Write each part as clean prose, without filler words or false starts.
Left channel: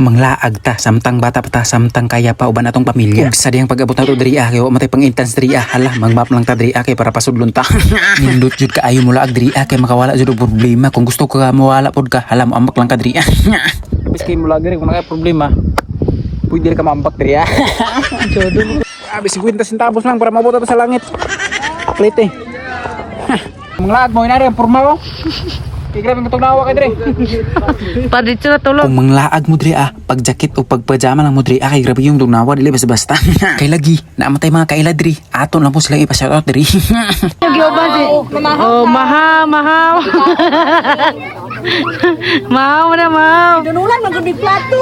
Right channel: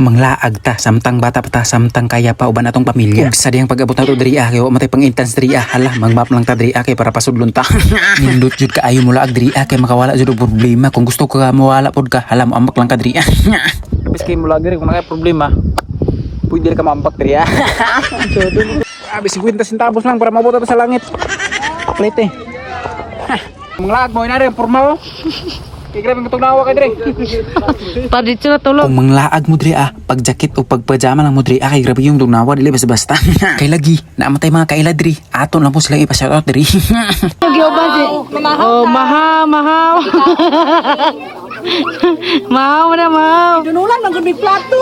Manglaag ta, samtang bata pa ta, samtang kaya pa uban atong pamilya. Ug sa diyang pag-abot na to diri kay wa matay pang intense diri hala mangmap lang ta diri kay para pasudlon ta. Nindot jud ka ayo mula ag diri kay makawala jud og problema. Kung gusto ka mawala pod ka, hala mo ambak lang ka diri. Tapos kay mula diri kung may problema, pwede ka maambak diri. Abis 50 centavos lang para mabuta sa langit. Plete. Manglaag mo inari ang formal mo. Grabe mo na ako kay dire. Kung manglaag mo diri pag jacket o pag pajama lang mo diri kay grabe yung dunawa dili basta-basta. Kay lagi namatay mga kaila diri. Aton lang po sila ipa-shoutout diri. Mau na mau. Danulan magumi plato.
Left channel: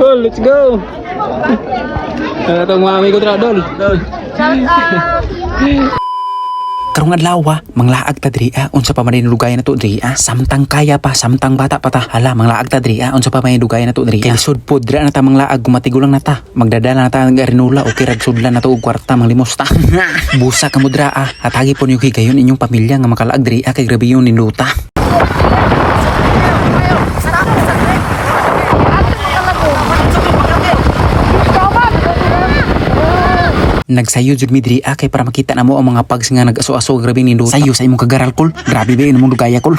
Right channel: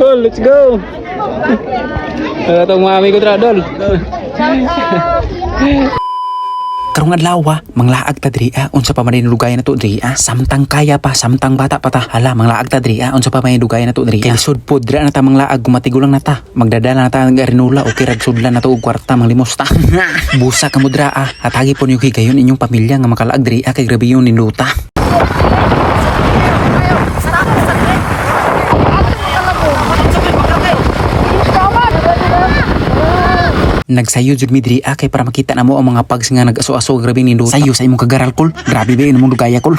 Oh, let's go. Kaya tong mami ko dol. Karong adlaw manglaag ta diri unsa pa man lugay na to diri samtang kaya pa samtang bata pa ta hala manglaag ta diri unsa pa man lugay na to diri lisod pod dira na ta manglaag gumatigulang na ta magdadala na ta ng arinula o kirag sudlan na to og kwarta manglimos ta busa ka mo dira atagi po niyo higayon inyong pamilya nga makalaag diri kay grabe yung niluta. Nagsayo jud mi diri kay para makita namo ang mga pags nga nag-aso-aso grabe ni luta. Sayo sa imong kagaral kol. Grabe ba imong lugaya kol.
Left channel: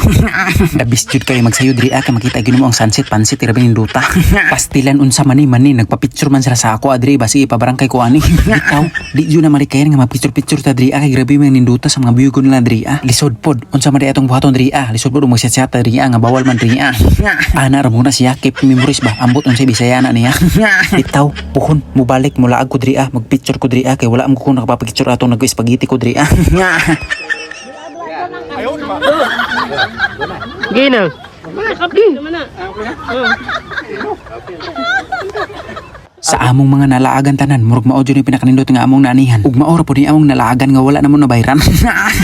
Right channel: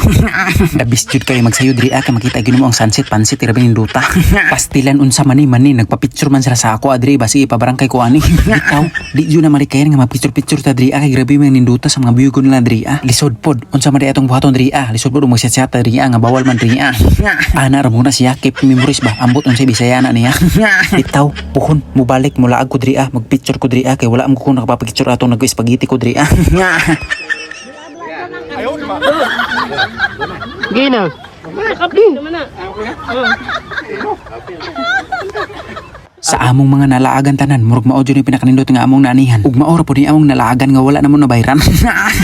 Dabis jud kay magsayo diri kay makita gyud mo ang sunset pansit grabe ni luta. Pastilan unsa man ni nagpa-picture man sila sa ako adri basi ipabarangkay ko ani. Bitaw di jud na malikayan nga mag-picture ta diri kay grabe man ni luta sa mga biyugon nila diri Lisod pod unsa man di atong buhaton diri lisod pod magsiya diri nga bawal man diri Ana ra muna siya keep memories ba ambot unsay Bisaya na niya. Bitaw puhon mo balik mula ko diri mag-picture ko diri kay wala mo ko nakapapicture atong nag-spaghetti ko diri. Gina. Sa among mga nalaagan tanan murag mao jud ni pinakanindot nga among naanihan ug mao ra pud ni among nalaagan nga wala namon nabayran.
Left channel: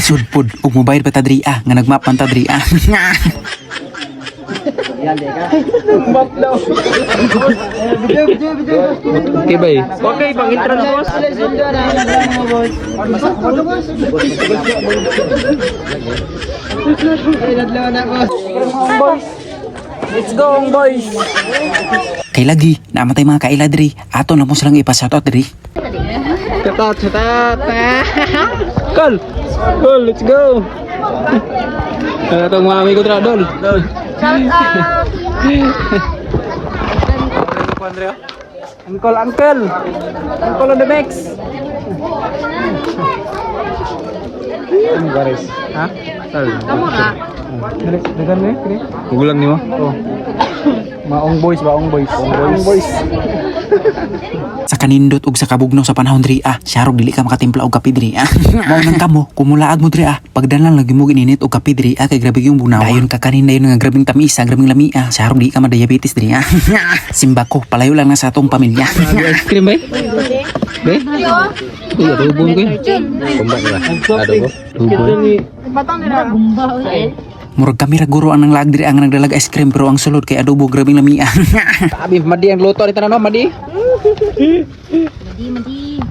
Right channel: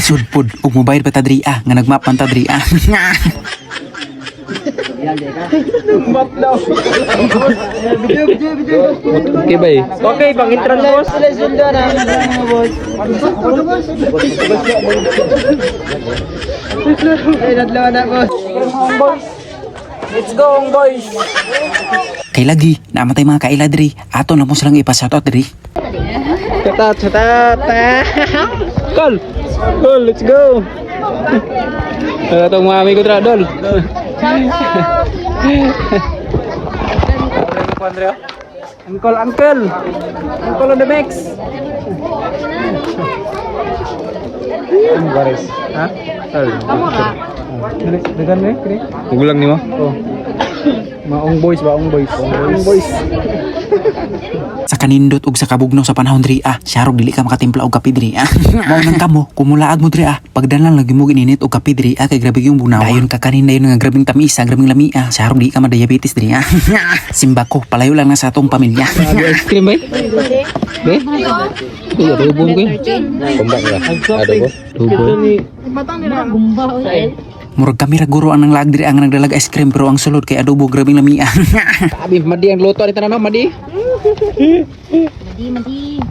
Sudpod ug mobayad pa ta diri nga nagmapan ta diri Okay ba Okay, bang intro mo. Let's go, boys. Kay lagi namatay mga kaila diri aton lang mo silang ipa-shoutout diri. Shoutout. Col, let's go. Kaya tong mami ko dra dol. Uncle on the mix. Ha? Degan ni, kini. Gulang ni mo? Oh. Maong boys. Sa kanindot ug sa kabugnaw sa panahon diri syarog dili ka makatimpla og kape diri mao nang kamo kumulaag mo diri pagdalan lagi mo gininit og kape diri kay grabe yung bunaw dayon ka kanin dayon nga grabing tamisa grabing lamia syarog di ka ma-diabetes diri simbako palayo lang na sa atong pamilya. Ice cream ba? Uy, adobo ko kumbak na adobo murag kami ra guro ang nanglag diri ang nagdalag ice cream pero ang sulod kay adobo grabing lamia. Abi madi ang luto ni tanan madi.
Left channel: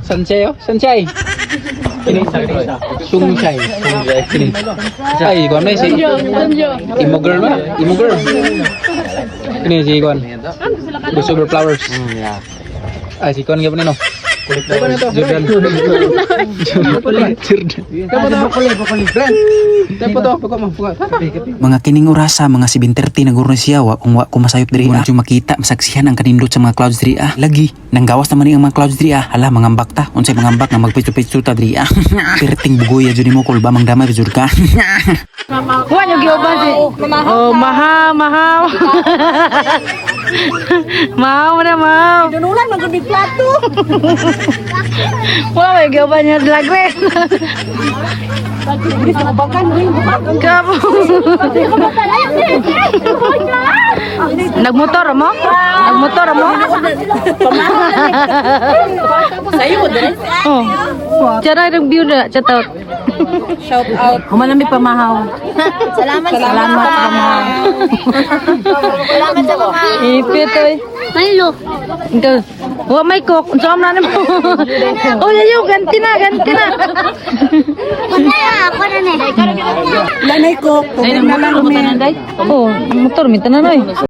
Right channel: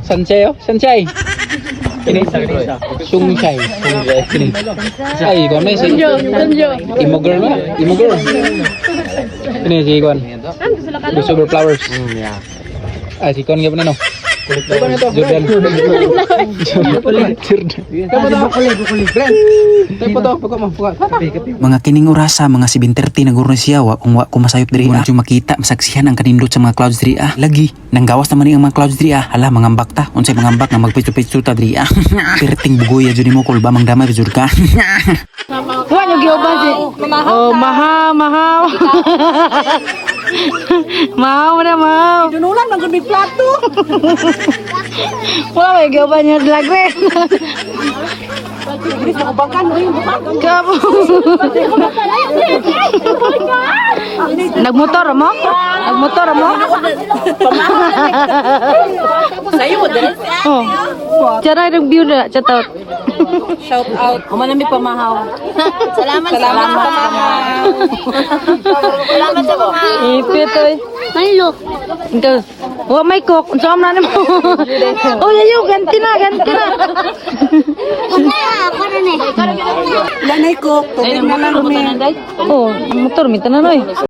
Sanchay. Ini Sungsay. Ini. Ay, kon na si Imo girl. Ini si kon. Super flowers. Ay, si kon gyapon no. Jordan. Mga kining orasa mga 7:30 naguro siya kung wa ko masayop diri na makita masaksihan ang kanindot sa mga clouds diri lagi nanggawas naman ang mga clouds diri hala mangambak ta unsay mangambak nga magpicture ta diri perting bugoy jud nimo kul ba mangdamay jud ka. Mau na mau. Danulan magumi plato. Wala gaban niya dragwe. Bakan Nagmotor mo? Sayo mo din. Cara yung view na shoutout. Shout out. Humanami pamahaw. Salamat sa pamahaw. Salamat sa pamahaw. Ipit oy. Tayo. Ito. Wa may cook. Unsa man mo? Oh, yayo ganti na. Lanay ko, tubig na lang, men. Oh, motor mi tanan oy.